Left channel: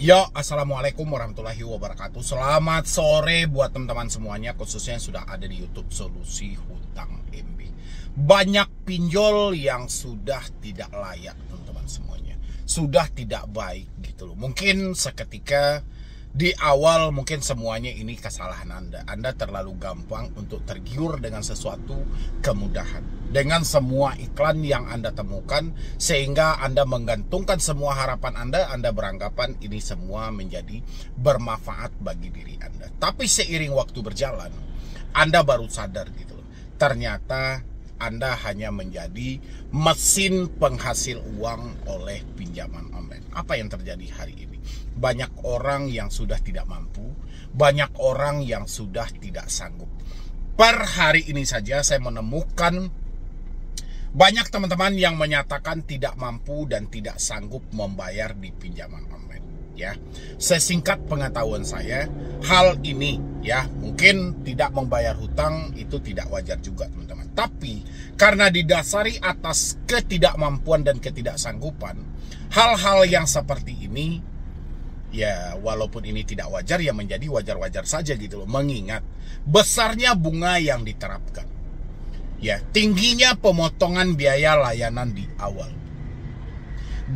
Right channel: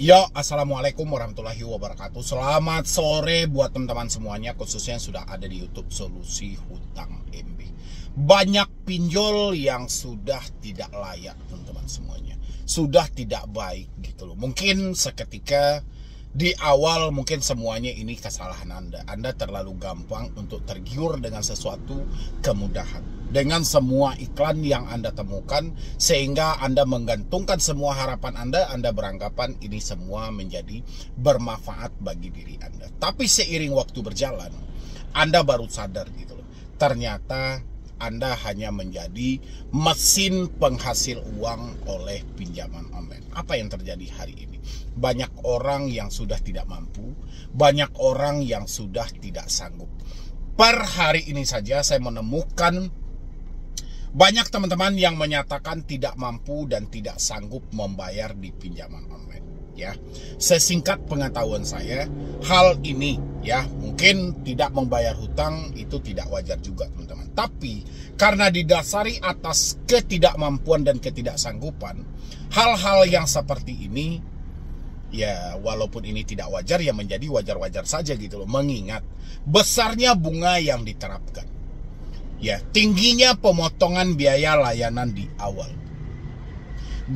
Ya, assalamualaikum warahmatullahi wabarakatuh. Selamat sore buat teman-teman semuanya, khususnya yang sudah ada di YouTube Solusi Hutang MB. Banyak pinjol yang sudah tidak layak, teman-teman semuanya. Sudah tidak baik gitu loh. Mungkin seketika di awal mungkin semuanya ini kesalahan Anda. Anda terlalu gampang untuk tergiur dengan sesuatu kemudahan, dengan semua iklan yang Anda temukan, sehingga Anda menggantungkan semua harapan Anda beranggapan ini semua menjadi bermanfaat bagi diri Anda. Tapi seiring waktu berjalan, Anda baru sadar gitu loh, ternyata Anda hanya menjadi mesin penghasil uang oleh pinjaman online. Apa yang terjadi hari ini? Banyak orang yang sudah tidak mampu, banyak orang yang sudah tidak sanggup. Per hari ini saja saya menemukan banyak teman-teman yang menyatakan tidak mampu dan tidak sanggup membayar di pinjaman online. Ya, sesingkat pengetahuan saya, hal ini ya mungkin tidak membayar hutang itu tidak wajar juga teman-teman. Tapi karena didasari atas ketidakmampuan dan ketidaksanggupan, hal-hal yang seperti ini ya walaupun ini tidak wajar ya menjadi wajar-wajar saja gitu loh. Mengingat besarnya bunga yang diterapkan, ya tingginya pemotongan biaya layanan di awal,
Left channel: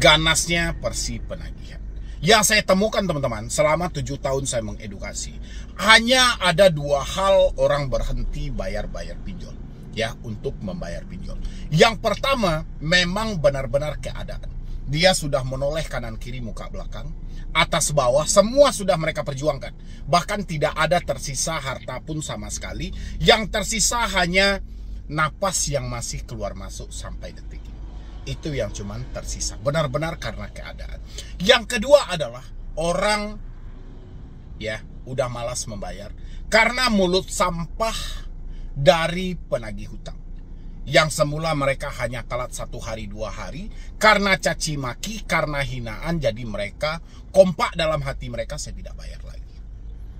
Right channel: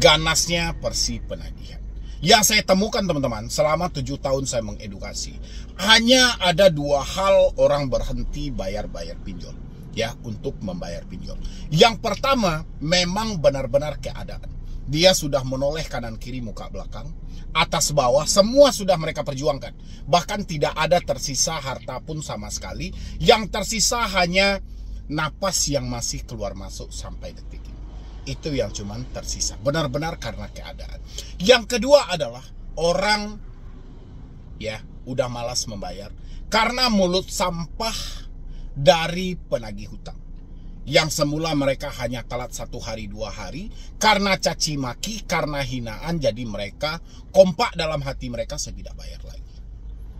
ganasnya persi penagihan. Yang saya temukan teman-teman selama 7 tahun saya mengedukasi, hanya ada 2 hal orang berhenti bayar-bayar pinjol ya untuk membayar pinjol. Yang pertama memang benar-benar keadaan. Dia sudah menoleh kanan kiri muka belakang, atas bawah semua sudah mereka perjuangkan. Bahkan tidak ada tersisa harta pun sama sekali. Yang tersisa hanya napas yang masih keluar masuk sampai detik ini. Itu yang cuman tersisa. Benar-benar karena keadaan. Yang kedua adalah orang ya udah malas membayar karena mulut sampah dari penagih hutang. Yang semula mereka hanya telat 1 hari 2 hari karena caci maki, karena hinaan, jadi mereka kompak dalam hati mereka, saya tidak bayar lagi.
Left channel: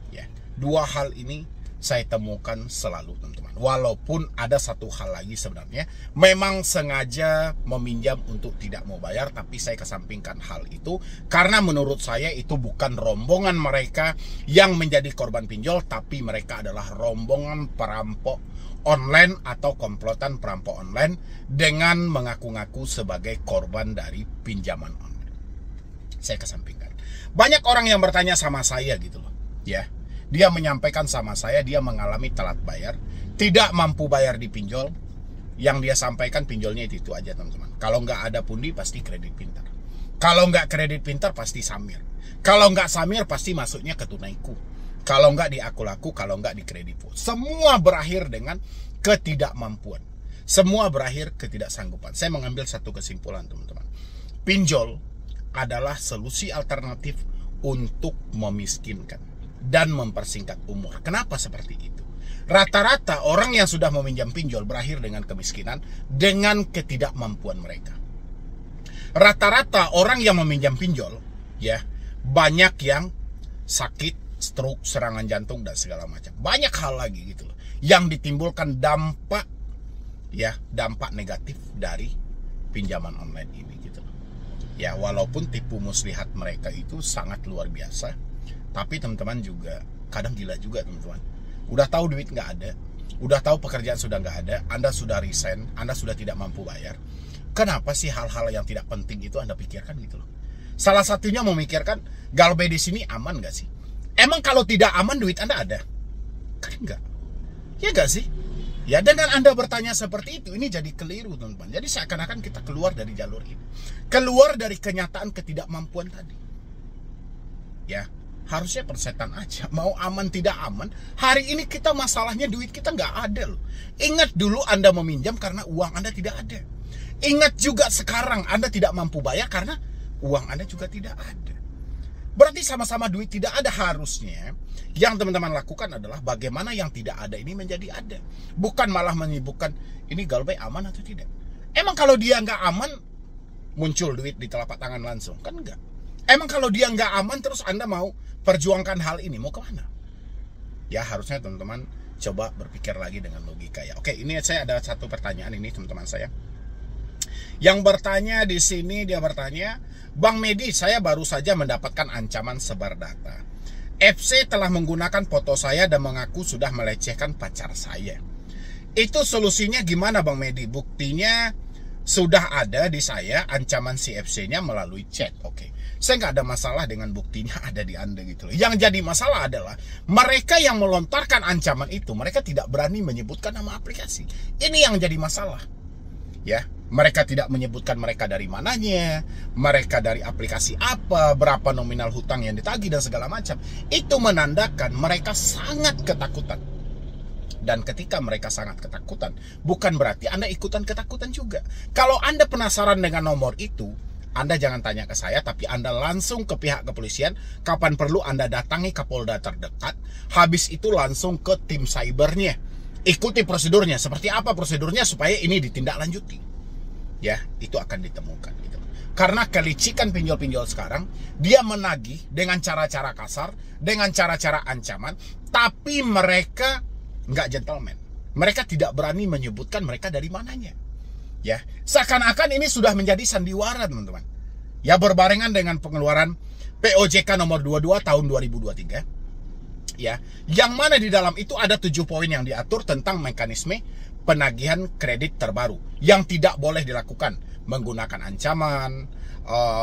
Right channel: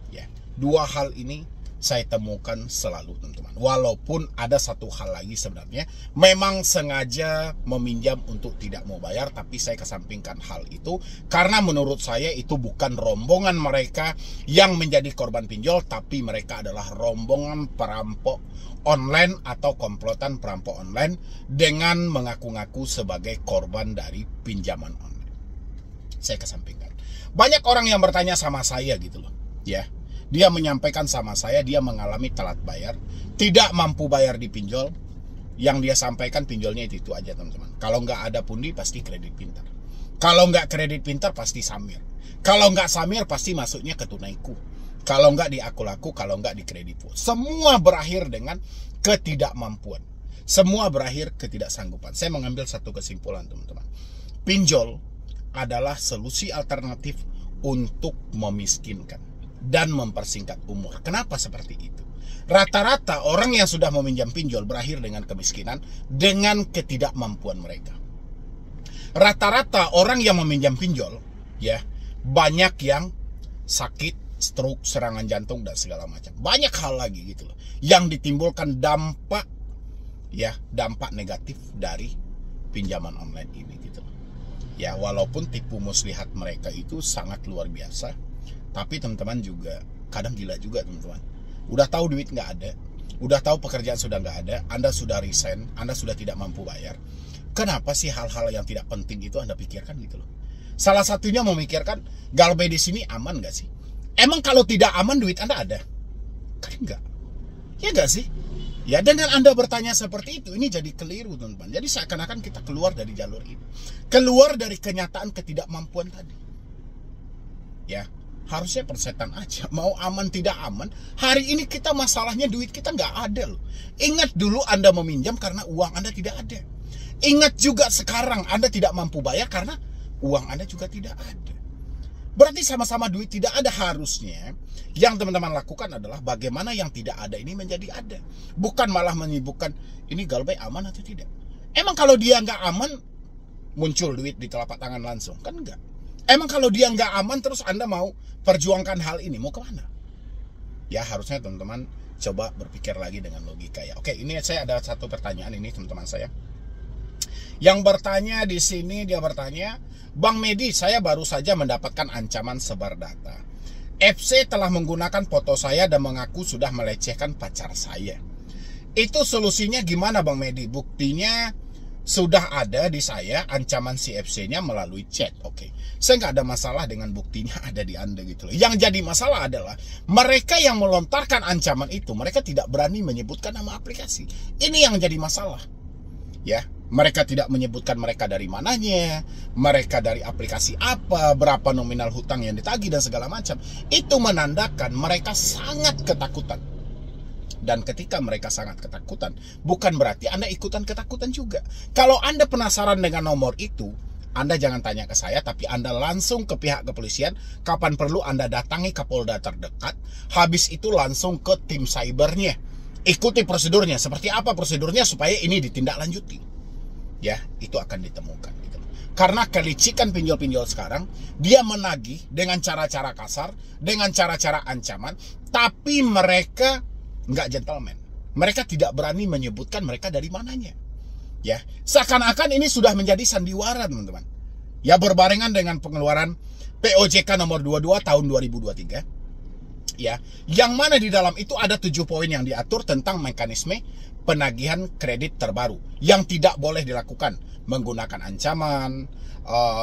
Ya, 2 hal ini saya temukan selalu teman-teman. Walaupun ada 1 hal lagi sebenarnya, memang sengaja meminjam untuk tidak mau bayar, tapi saya kesampingkan hal itu karena menurut saya itu bukan rombongan mereka yang menjadi korban pinjol, tapi mereka adalah rombongan perampok online atau komplotan perampok online dengan mengaku-ngaku sebagai korban dari pinjaman online. Saya kesampingkan. Banyak orang yang bertanya sama saya gitu loh, ya. Dia menyampaikan sama saya dia mengalami telat bayar, tidak mampu bayar di pinjol. Yang dia sampaikan pinjolnya itu aja teman-teman. Kalau nggak ada pundi pasti kredit pintar. Kalau nggak kredit pintar pasti samir. Kalau nggak samir pasti masuknya ke tunaiku. Kalau nggak di aku laku, kalau nggak di kreditku. Semua berakhir dengan ketidakmampuan. Semua berakhir ketidaksanggupan. Saya mengambil satu kesimpulan teman-teman. Pinjol adalah solusi alternatif untuk memiskinkan dan mempersingkat umur. Kenapa seperti itu? Rata-rata orang yang sudah meminjam pinjol berakhir dengan kemiskinan dengan ketidakmampuan mereka. Rata-rata orang yang meminjam pinjol ya banyak yang sakit, stroke, serangan jantung dan segala macam. Banyak hal lagi gitu loh yang ditimbulkan dampak negatif dari pinjaman online ini gitu loh. Ya walaupun tipu muslihat mereka itu sangat luar biasa, tapi teman-teman juga kadang gila juga teman-teman. Udah tahu duit nggak ada, udah tahu pekerjaan sudah nggak ada, Anda sudah resign, Anda sudah tidak mampu bayar. Kenapa sih hal-hal yang tidak penting itu Anda pikirkan gitu loh? Salah satunya memikirkan Galbay di sini aman nggak sih? Emang kalau tidak aman duit Anda ada? Kan enggak. Ya enggak sih? Ya dengan Anda bertanya seperti itu, ini jadi keliru teman-teman. Jadi seakan-akan kita keluar dari jalur ini. Keluar dari kenyataan ketidakmampuan tadi. Ya, harusnya persetan aja. Mau aman tidak aman, hari ini kita masalahnya duit kita nggak ada loh. Ingat dulu Anda meminjam karena uang Anda tidak ada. Ingat juga sekarang Anda tidak mampu bayar karena uang Anda juga tidak ada. Berarti sama-sama duit tidak ada. Harusnya yang teman-teman lakukan adalah bagaimana yang tidak ada ini menjadi ada. Bukan malah menyibukkan ini Galbay aman atau tidak. Emang kalau dia nggak aman muncul duit di telapak tangan langsung? Kan enggak. Emang kalau dia nggak aman terus Anda mau perjuangkan hal ini, mau kemana? Ya harusnya teman-teman coba berpikir lagi dengan logika ya. Oke, ini saya ada satu pertanyaan ini teman-teman saya. Yang bertanya di sini dia bertanya, Bang Medi, saya baru saja mendapatkan ancaman sebar data. FC telah menggunakan foto saya dan mengaku sudah melecehkan pacar saya. Itu solusinya gimana Bang Medi? Buktinya sudah ada di saya, ancaman si FC-nya melalui chat. Oke, saya nggak ada masalah dengan buktinya ada di Anda gitu loh. Yang jadi masalah adalah mereka yang melontarkan ancaman itu, mereka tidak berani menyebutkan nama aplikasi. Ini yang jadi masalah. Ya, mereka tidak menyebutkan mereka dari mananya, mereka dari aplikasi apa, berapa nominal hutang yang ditagih dan segala macam. Itu menandakan mereka sangat ketakutan. Dan ketika mereka sangat ketakutan, bukan berarti Anda ikutan ketakutan juga. Kalau Anda penasaran dengan nomor itu, Anda jangan tanya ke saya, tapi Anda langsung ke pihak kepolisian. Kapan perlu Anda datangi Kapolda terdekat. Habis itu langsung ke tim cybernya. Ikuti prosedurnya. Seperti apa prosedurnya supaya ini ditindaklanjuti. Ya, itu akan ditemukan. Gitu. Karena kelicikan pinjol-pinjol sekarang, dia menagih dengan cara-cara kasar, dengan cara-cara ancaman, tapi mereka nggak gentleman. Mereka tidak berani menyebutkan mereka dari mananya. Ya, seakan-akan ini sudah menjadi sandiwara, teman-teman. Ya, berbarengan dengan pengeluaran POJK nomor 22 tahun 2023. Ya, yang mana di dalam itu ada 7 poin yang diatur tentang mekanisme penagihan kredit terbaru yang tidak boleh dilakukan menggunakan ancaman,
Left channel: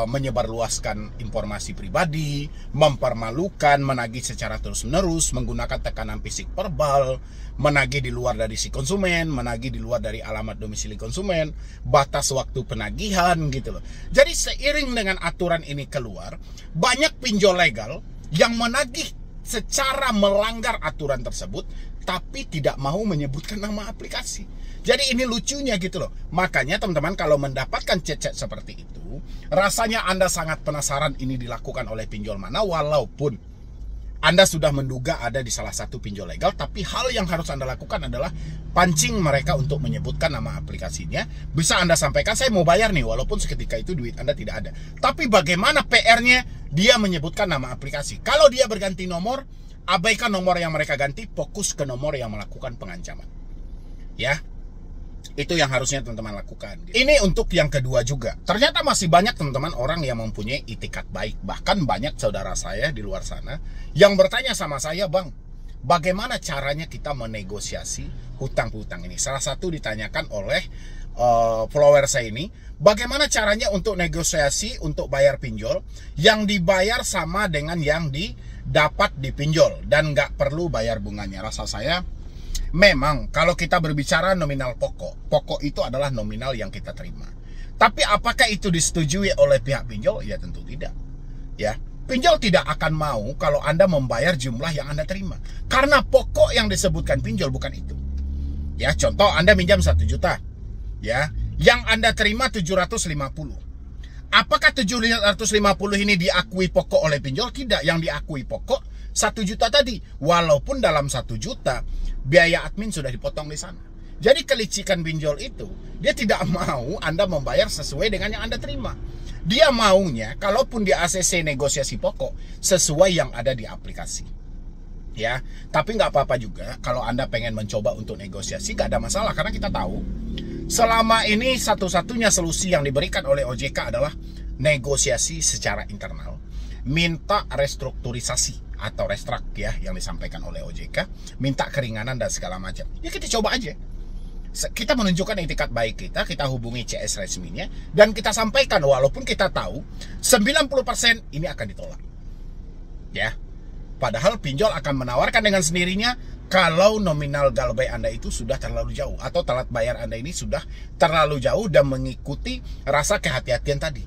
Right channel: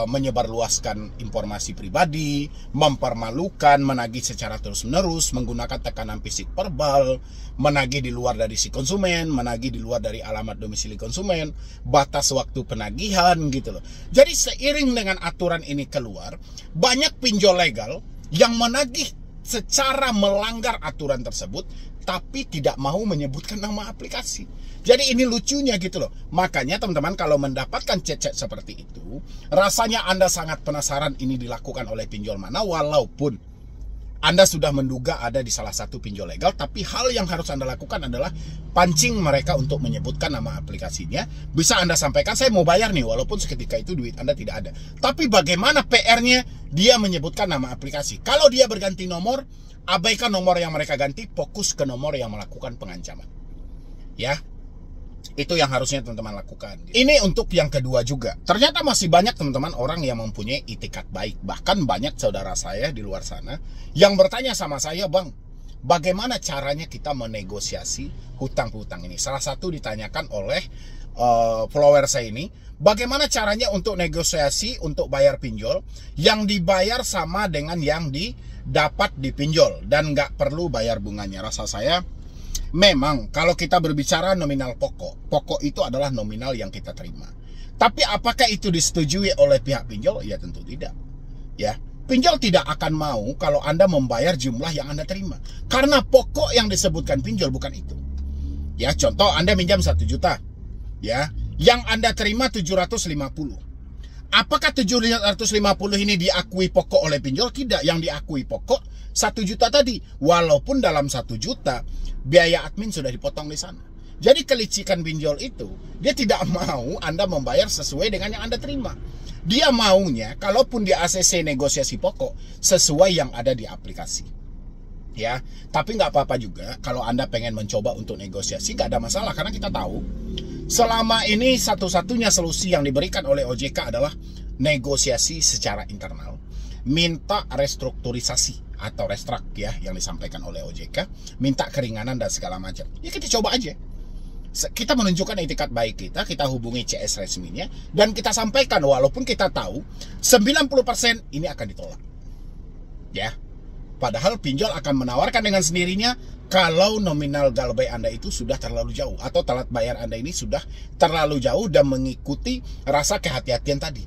menyebarluaskan informasi pribadi, mempermalukan, menagih secara terus-menerus, menggunakan tekanan fisik verbal, menagih di luar dari si konsumen, menagih di luar dari alamat domisili konsumen, batas waktu penagihan gitu loh. Jadi seiring dengan aturan ini keluar, banyak pinjol legal yang menagih secara melanggar aturan tersebut, tapi tidak mau menyebutkan nama aplikasi. Jadi ini lucunya gitu loh. Makanya teman-teman kalau mendapatkan chat-chat seperti itu, rasanya Anda sangat penasaran ini dilakukan oleh pinjol mana, walaupun Anda sudah menduga ada di salah satu pinjol legal, tapi hal yang harus Anda lakukan adalah pancing mereka untuk menyebutkan nama aplikasinya. Bisa Anda sampaikan, saya mau bayar nih, walaupun seketika itu duit Anda tidak ada. Tapi bagaimana PR-nya dia menyebutkan nama aplikasi? Kalau dia berganti nomor, abaikan nomor yang mereka ganti, fokus ke nomor yang melakukan pengancaman. Ya, itu yang harusnya teman-teman lakukan. Ini untuk yang kedua juga. Ternyata masih banyak teman-teman orang yang mempunyai itikat baik. Bahkan banyak saudara saya di luar sana yang bertanya sama saya, Bang, bagaimana caranya kita menegosiasi hutang-hutang ini? Salah satu ditanyakan oleh follower saya ini, bagaimana caranya untuk negosiasi untuk bayar pinjol yang dibayar sama dengan yang didapat dipinjol dan nggak perlu bayar bunganya. Rasa saya memang kalau kita berbicara nominal pokok itu adalah nominal yang kita terima. Tapi apakah itu disetujui oleh pihak pinjol? Ya tentu tidak. Ya, pinjol tidak akan mau kalau Anda membayar jumlah yang Anda terima. Karena pokok yang disebutkan pinjol bukan itu. Ya, contoh Anda minjam 1 juta. Ya, yang Anda terima 750. Apakah 750 ini diakui pokok oleh pinjol? Tidak, yang diakui pokok 1 juta tadi. Walaupun dalam 1 juta biaya admin sudah dipotong di sana. Jadi kelicikan pinjol itu, dia tidak mau Anda membayar sesuai dengan yang Anda terima. Dia maunya, kalaupun di ACC negosiasi pokok, sesuai yang ada di aplikasi. Ya, tapi nggak apa-apa juga kalau Anda pengen mencoba untuk negosiasi, nggak ada masalah. Karena kita tahu, selama ini satu-satunya solusi yang diberikan oleh OJK adalah negosiasi secara internal. Minta restrukturisasi atau restrak ya yang disampaikan oleh OJK, minta keringanan dan segala macam. Ya kita coba aja. Kita menunjukkan itikat baik kita hubungi CS resminya dan kita sampaikan walaupun kita tahu 90% ini akan ditolak. Ya. Padahal pinjol akan menawarkan dengan sendirinya kalau nominal galbay Anda itu sudah terlalu jauh atau telat bayar Anda ini sudah terlalu jauh dan mengikuti rasa kehati-hatian tadi.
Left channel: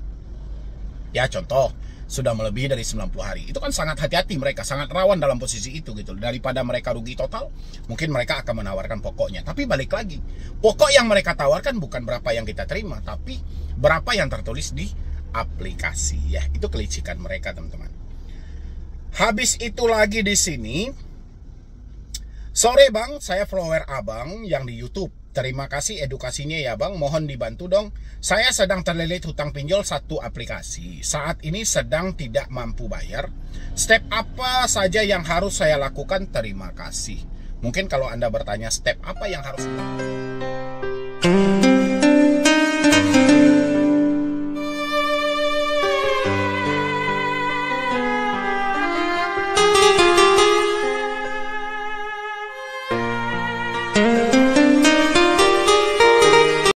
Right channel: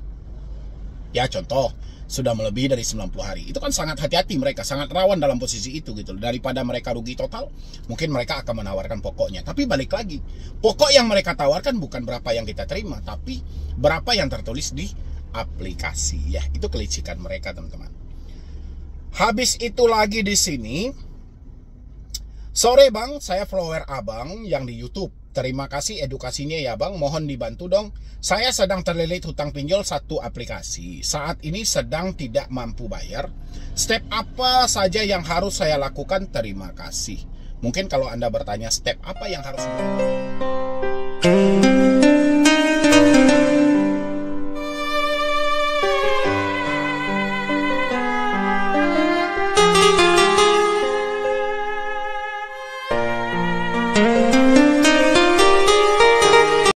Ya contoh, sudah melebihi dari 90 hari. Itu kan sangat hati-hati mereka, sangat rawan dalam posisi itu gitu. Daripada mereka rugi total, mungkin mereka akan menawarkan pokoknya. Tapi balik lagi, pokok yang mereka tawarkan bukan berapa yang kita terima, tapi berapa yang tertulis di aplikasi ya. Itu kelicikan mereka, teman-teman. Habis itu lagi di sini, sore Bang, saya follower Abang yang di YouTube. Terima kasih edukasinya ya Bang, mohon dibantu dong. Saya sedang terlilit hutang pinjol satu aplikasi. Saat ini sedang tidak mampu bayar. Step apa saja yang harus saya lakukan? Terima kasih. Mungkin kalau Anda bertanya step apa yang harus dilakukan. kasih.